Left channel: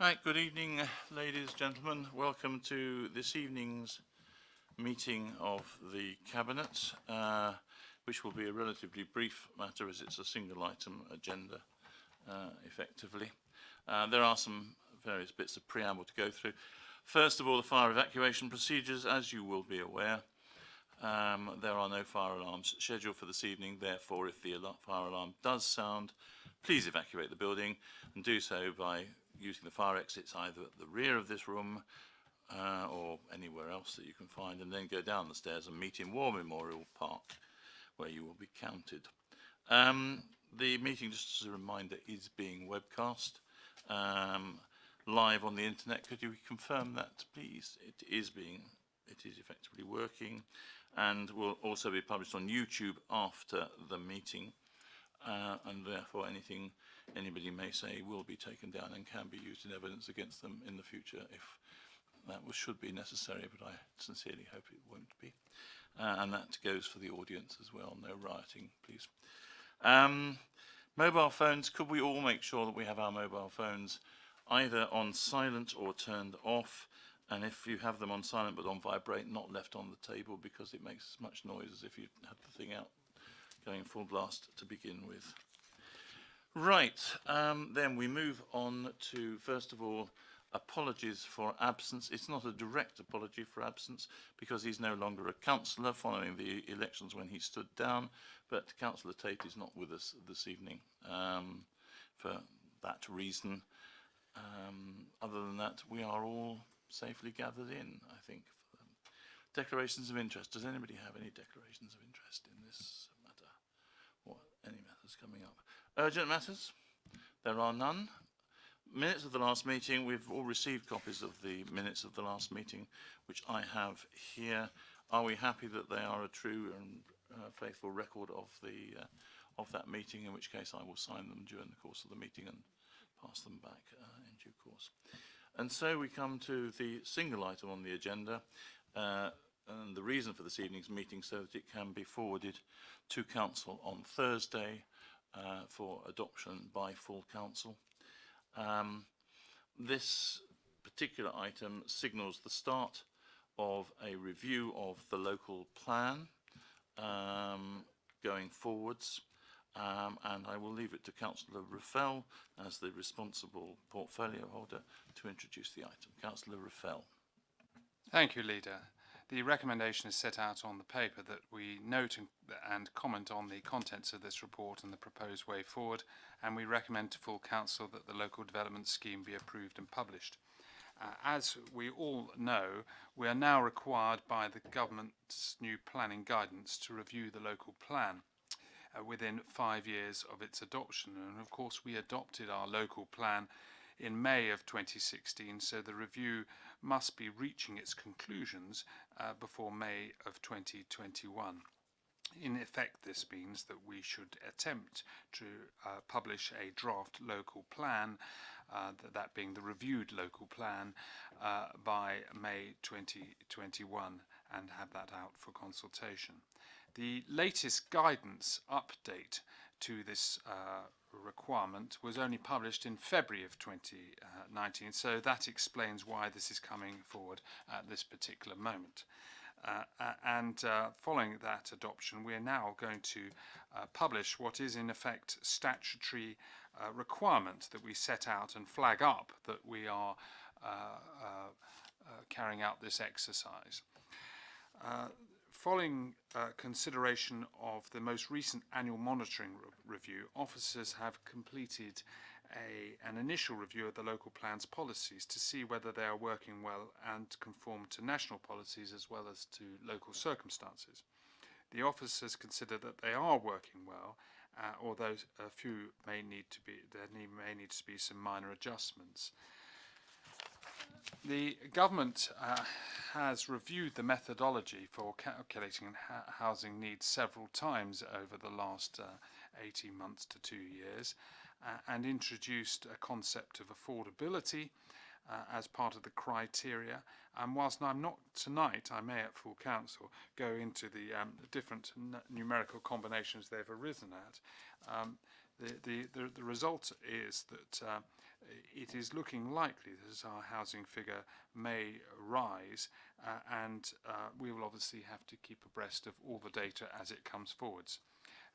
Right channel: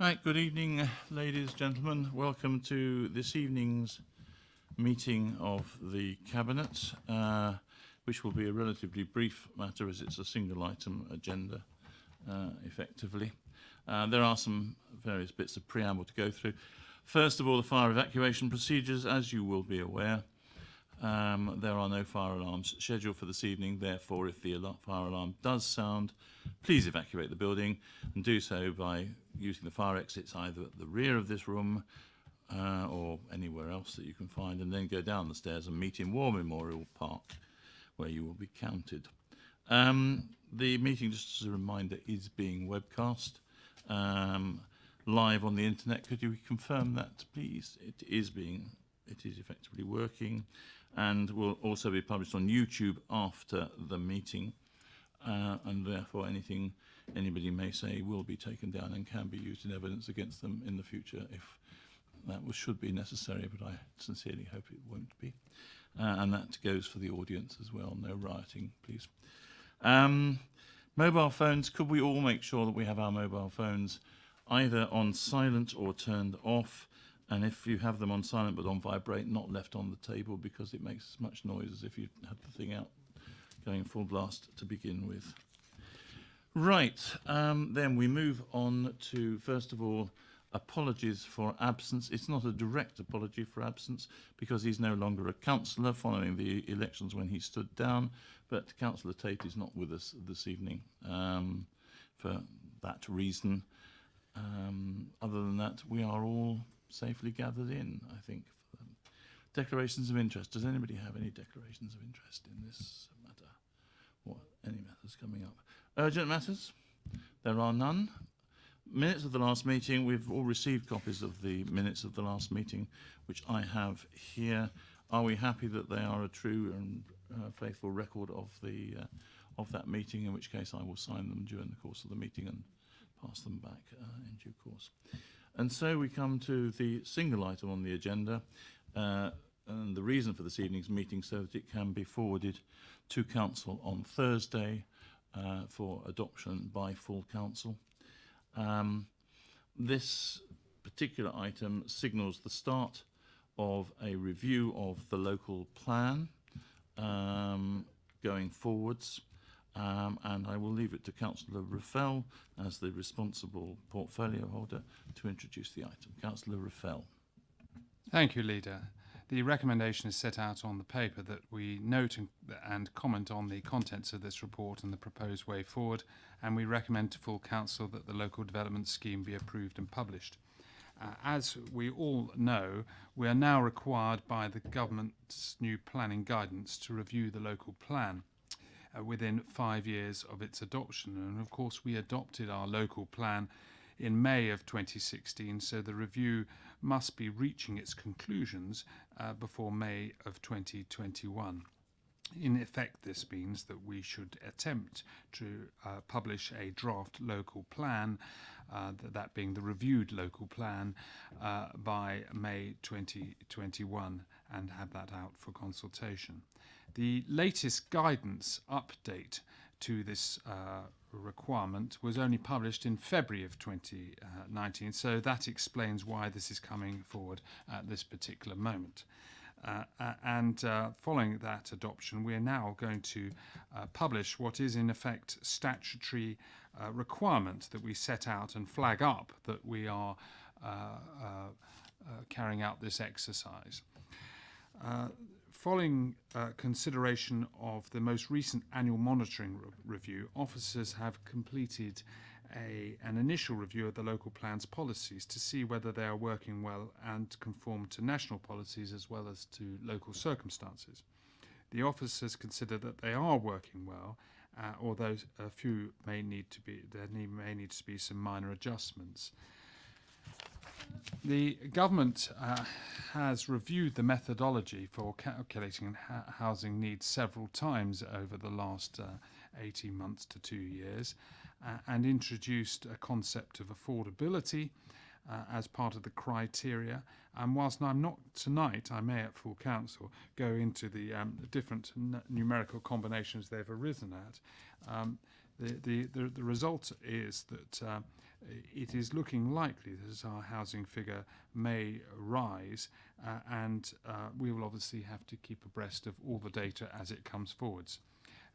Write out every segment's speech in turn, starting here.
Right, good evening, ladies, gentlemen. Welcome to this evening's meeting of the Cabinet, which will be a relatively brief matter as it's a single item agenda, effectively. There are some various bits of preamble to go through. First of all, the fire evacuation procedures. As you will be aware, there are no fire alarms scheduled for this evening. Therefore, if the fire alarm does sound, please evacuate the building and do so by using the fire exits either at the rear of this room or anywhere else that you can find, and then go down the stairs and meet in War Memorial Park, where you will be counted. The meeting, just as a reminder, is being webcast live on the internet. Could you confirm that, please? It is effectively working, and will also be published on YouTube after the meeting, and therefore anything anybody may say will be taken down and can be used in evidence against them in the future if that should be necessary, but I sincerely hope it won't be. And that goes for the audience as well. No rioting, please. Mobile phones, could we all make sure that we have our mobile phones either on silent or turned off? And if you have them on silent but on vibrate, not left on the table, because it makes as much noise as if you had the thing out going full blast to begin with. Right, then we move on to, first of all, apologies for absence. It's not a direct apology for absence because he's no longer a councillor following the elections when he stood down, but Councillor Tate is not with us this evening for that reason. Other than that, we are all safely gathered in, I think. Declarations of interest. Does anybody have any declarations of interest in this matter? Or any matters coming up? Urgent matters? There are none. Minutes of the last meeting. We've all received copies of the minutes of the last meeting, which I have here. Are we happy that they are a true and faithful record of that meeting, in which case I will sign them during the course of the meeting and pass them back in due course. And so we come to the single item on the agenda, and the reason for this evening's meeting so that it can be forwarded to Council on Thursday for adoption by full Council. This particular item signals the start of a review of the local plan going forwards. And I will leave it to Councillor Ruffell as the responsible portfolio holder to introduce the item. Councillor Ruffell. Thank you, Leader. The recommendation is set out on the paper that we note and comment on the contents of this report and the proposed way forward, and we recommend to full Council that the local development scheme be approved and published. As we all know, we are now required by the government's new planning guidance to review the local plan within 5 years of its adoption. And of course, we adopted our local plan in May of 2016, so the review must be reaching its conclusions before May of 2021. In effect, this means that we should attempt to publish a draft local plan, that being the reviewed local plan, by May 2021 and have that out for consultation. The latest guidance update to this requirement was only published in February of 2019, so that explains why this is coming forward at this particular moment. Following that adoption, we are now going to publish what is in effect statutory requirement that we set out and flag up that we are carrying out this exercise. Following consideration of the most recent annual monitoring review, officers have completed an initial review of the local plan's policies to see whether they are working well and conform to national policies as well as to local circumstances. The officers consider that they are working well, although a few may need to be some minor adjustments. The government has reviewed the methodology for calculating housing needs several times over the last 18 months to 2 years and introduced a concept of affordability as part of the criteria. And whilst I'm not tonight, I may at full council go into the different numerical combinations they've arisen at. the result is that it is looking likely that our housing figure may rise, and we will obviously have to keep abreast of all the data as it comes forwards.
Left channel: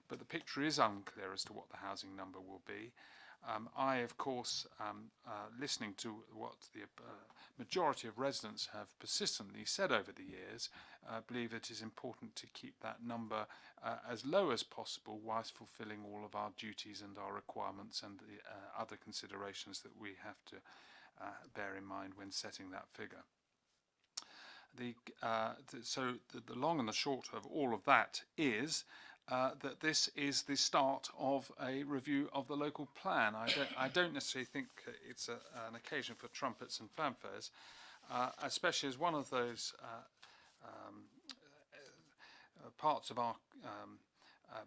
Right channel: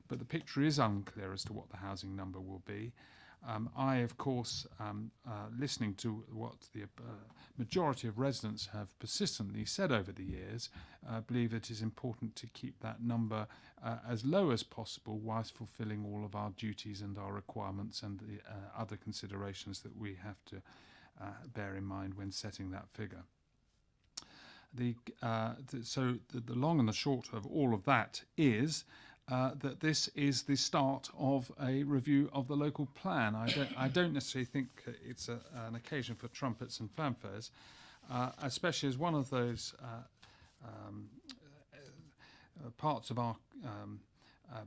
But the picture is unclear as to what the housing number will be. I, of course, listening to what the majority of residents have persistently said over the years, believe it is important to keep that number as low as possible whilst fulfilling all of our duties and our requirements and the other considerations that we have to bear in mind when setting that figure. So the long and the short of all of that is that this is the start of a review of the local plan. I don't necessarily think it's an occasion for trumpets and fanfares, especially as one of those parts of our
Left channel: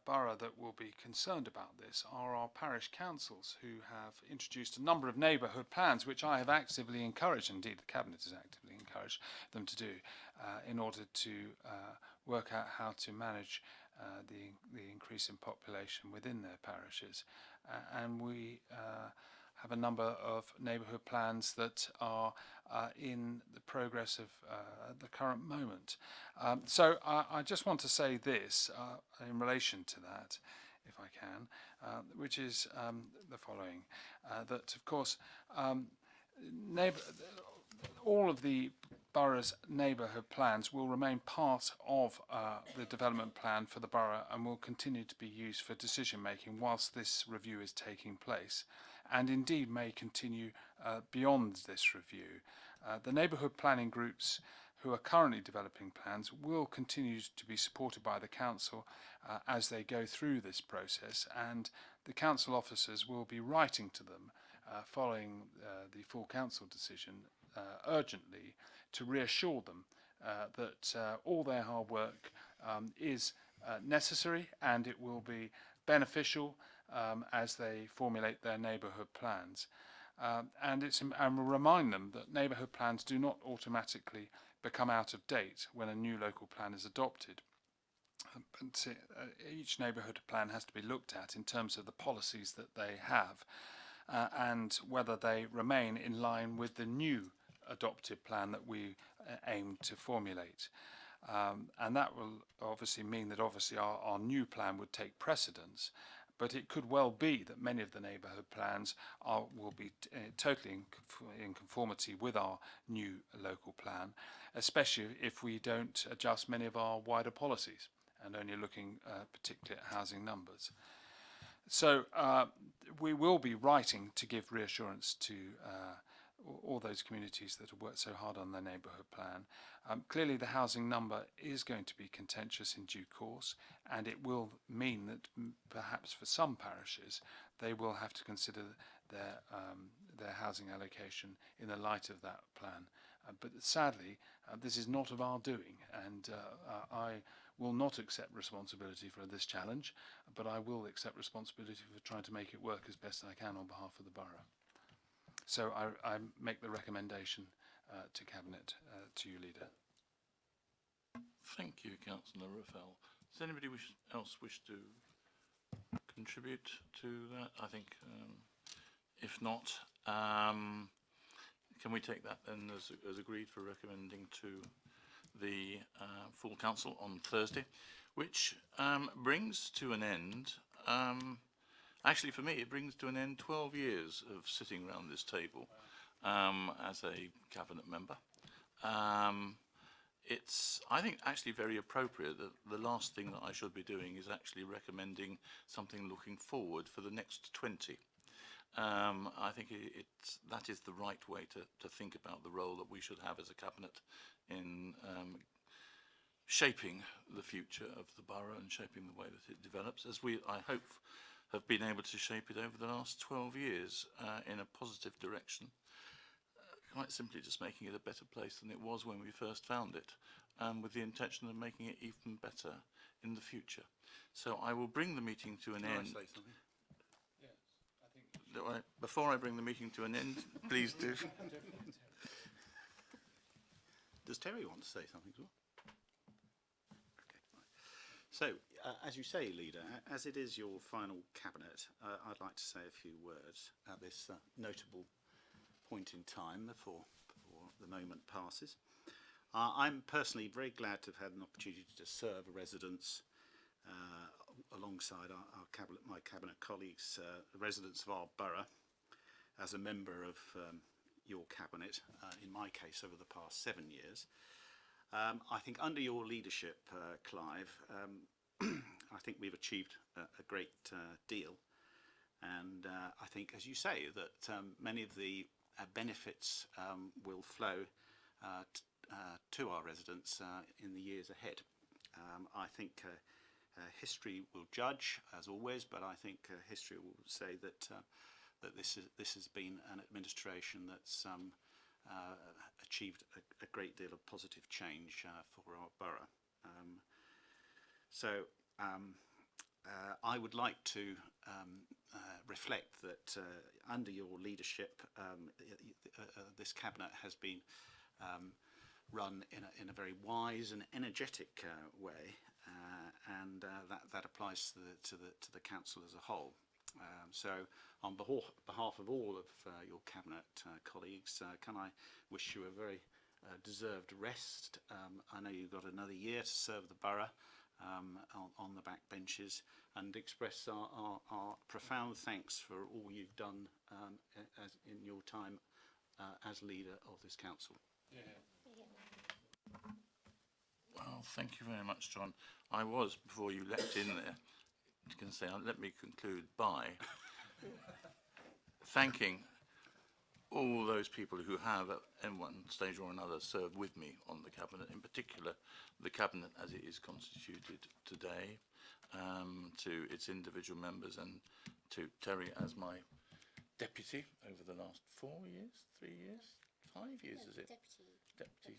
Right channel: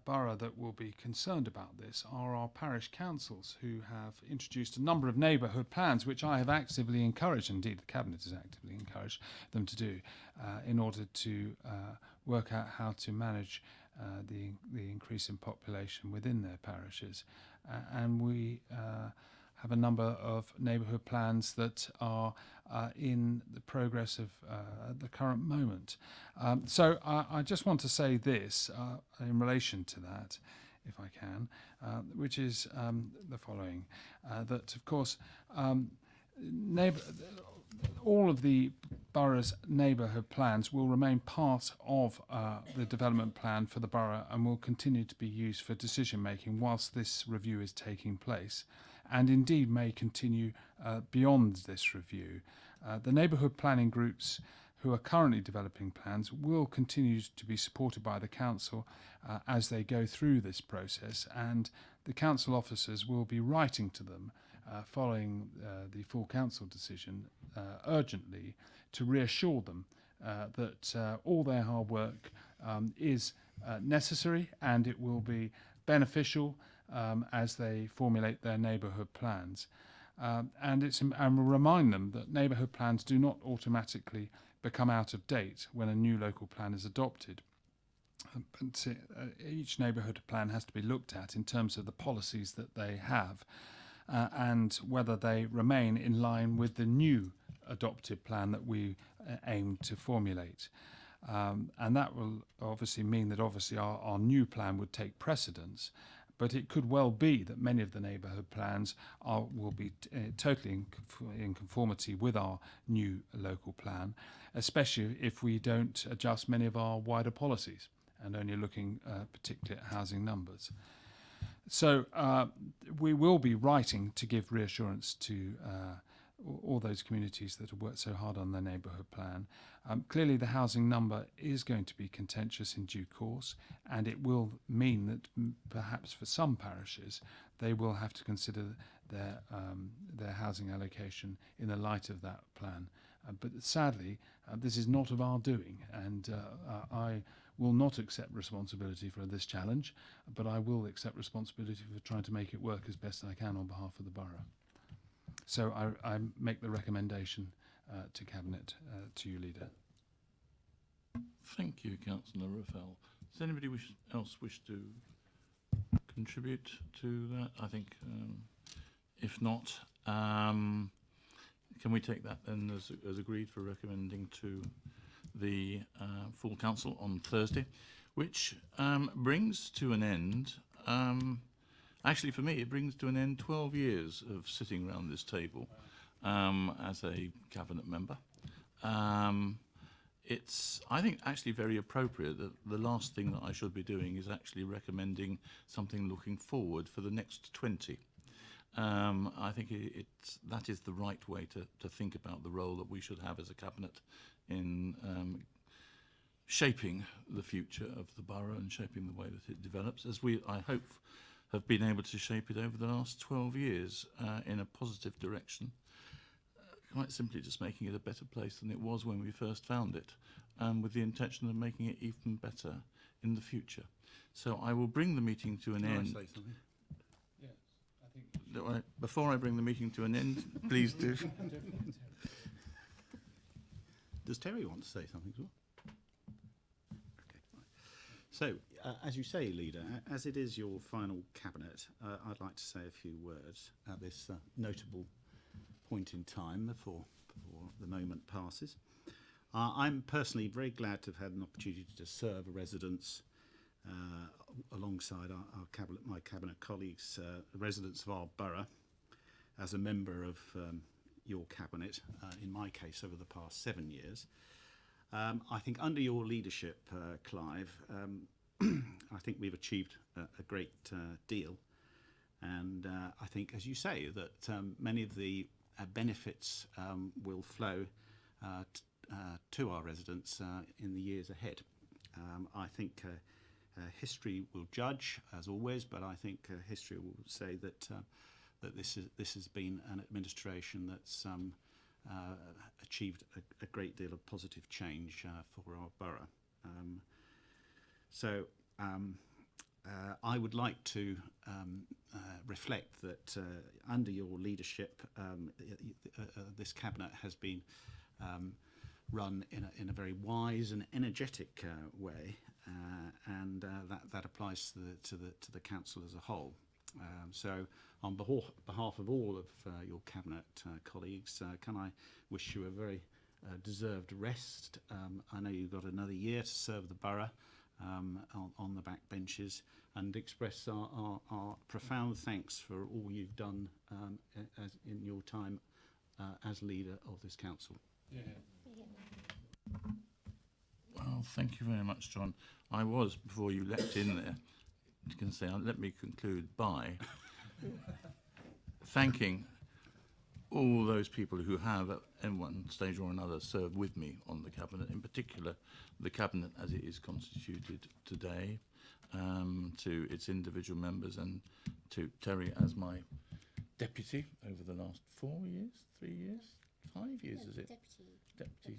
borough that will be concerned about this are our parish councils, who have introduced a number of neighbourhood plans, which I have actively encouraged, indeed the Cabinet has actively encouraged them to do, in order to work out how to manage the increase in population within their parishes. And we have a number of neighbourhood plans that are in the progress of at the current moment. So I just want to say this in relation to that, if I can, which is the following, that of course all of the borough's neighbourhood plans will remain part of the development plan for the borough and will continue to be used for decision making whilst this review is taking place, and indeed may continue beyond this review. The neighbourhood planning groups who are currently developing plans will continue to be supported by the council as they go through this process, and the council officers will be writing to them following the full council decision urgently to reassure them that all their hard work is necessary and it will be beneficial as they formulate their neighbourhood plans. And we'll remind them that neighbourhood plans do not automatically become out of date when a new local plan is adopted. But each neighbourhood plan has to be looked at in terms of the policies that they have and whether they remain in line with the new adopted plan that we aim to formulate. And that will obviously mean that our new plan would take precedence, but it could well be that many of the neighbourhood plans will be totally in conformity with our new local plan, especially if we don't adjust many of our wider policies and only looking particularly at housing numbers. So we will be writing to give reassurance to all those communities that have worked so hard on their neighbourhood plan. Clearly the housing number is going to be contentious in due course, and it will mean that perhaps for some parishes they will have to consider their housing allocation in the light of that plan. But sadly this is not of our doing, and I will not accept responsibility for this challenge, but I will accept responsibility for trying to make it work as best I can on behalf of the borough. So I make the recommendation to Cabinet to you, Leader. Thank you, Councillor Raphael. Does anybody else wish to contribute to that? I think if not, can we take that then as agreed for recommending to the full council on Thursday, which brings to an end, actually for me it brings to an end 12 years of sitting around this table as a cabinet member. It's, I think, actually very appropriate that the last thing that I should be doing is actually recommending something looking forward for the next 20. I think that is the right way to think about the role that we should have as a cabinet in shaping the future of the borough and shaping the way that it develops, as we, I hope, have been able to shape it over the last 12 years in a positive direction, quite simply just making it a better place than it was when we first found it, with the intention of making it even better in the future. So I will bring the meeting to an end. Can I say something? Before I bring the meeting to an end, please do. Does Terry want to say something as well? Okay. Right. So, as you say, Leader, as it is your final cabinet, I'd like to say a few words at this notable point in time before the moment passes. I'm personally very glad to have had an opportunity to serve a residents alongside my cabinet colleagues, residents of our borough, as a member of your cabinet, in my case over the past 7 years. I think under your leadership, Clive, I think we've achieved a great deal, and I think, as you say, that many of the benefits will flow to our residents in the years ahead. I think history will judge, as always, but I think history will say that this has been an administration that's achieved a great deal of positive change for our borough. I would like to reflect that under your leadership, this cabinet has been run in a very wise and energetic way, and that applies to the council as a whole. So, on behalf of all of your cabinet colleagues, can I wish you a very deserved rest. I know you've got another year to serve the borough on the back benches, and express our profound thanks for all you've done as in your time as leader of this council. Yeah. Well, thank you very much, John. I was, before you leapt in there, going to say, let me conclude by thanking all those people who have, at one stage or another, served with me on the cabinet, in particular the cabinet as it is constituted today, to its individual members, and to Terry as my deputy over the last 4 years, 3 years, 5 years, is it? Deputy.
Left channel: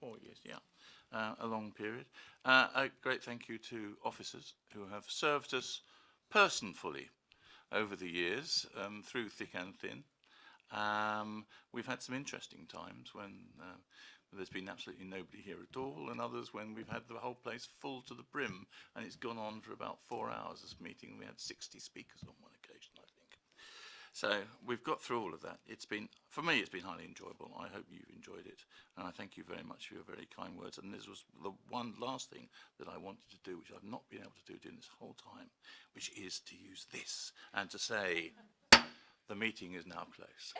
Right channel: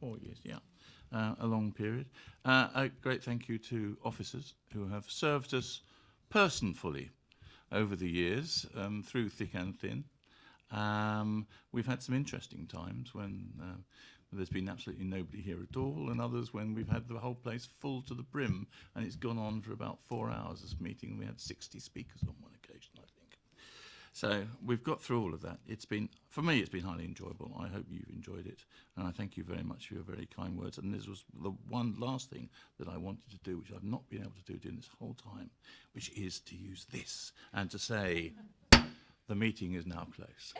4 years, yeah. A long period. A great thank you to officers who have served us personally over the years, through thick and thin. We've had some interesting times when there's been absolutely nobody here at all, and others when we've had the whole place full to the brim, and it's gone on for about 4 hours, this meeting. We had 60 speakers on one occasion, I think. So we've got through all of that. It's been, for me, it's been highly enjoyable. I hope you've enjoyed it, and I thank you very much for your very kind words. And this was the one last thing that I wanted to do, which I've not been able to do during this whole time, which is to use this and to say, the meeting is now closed.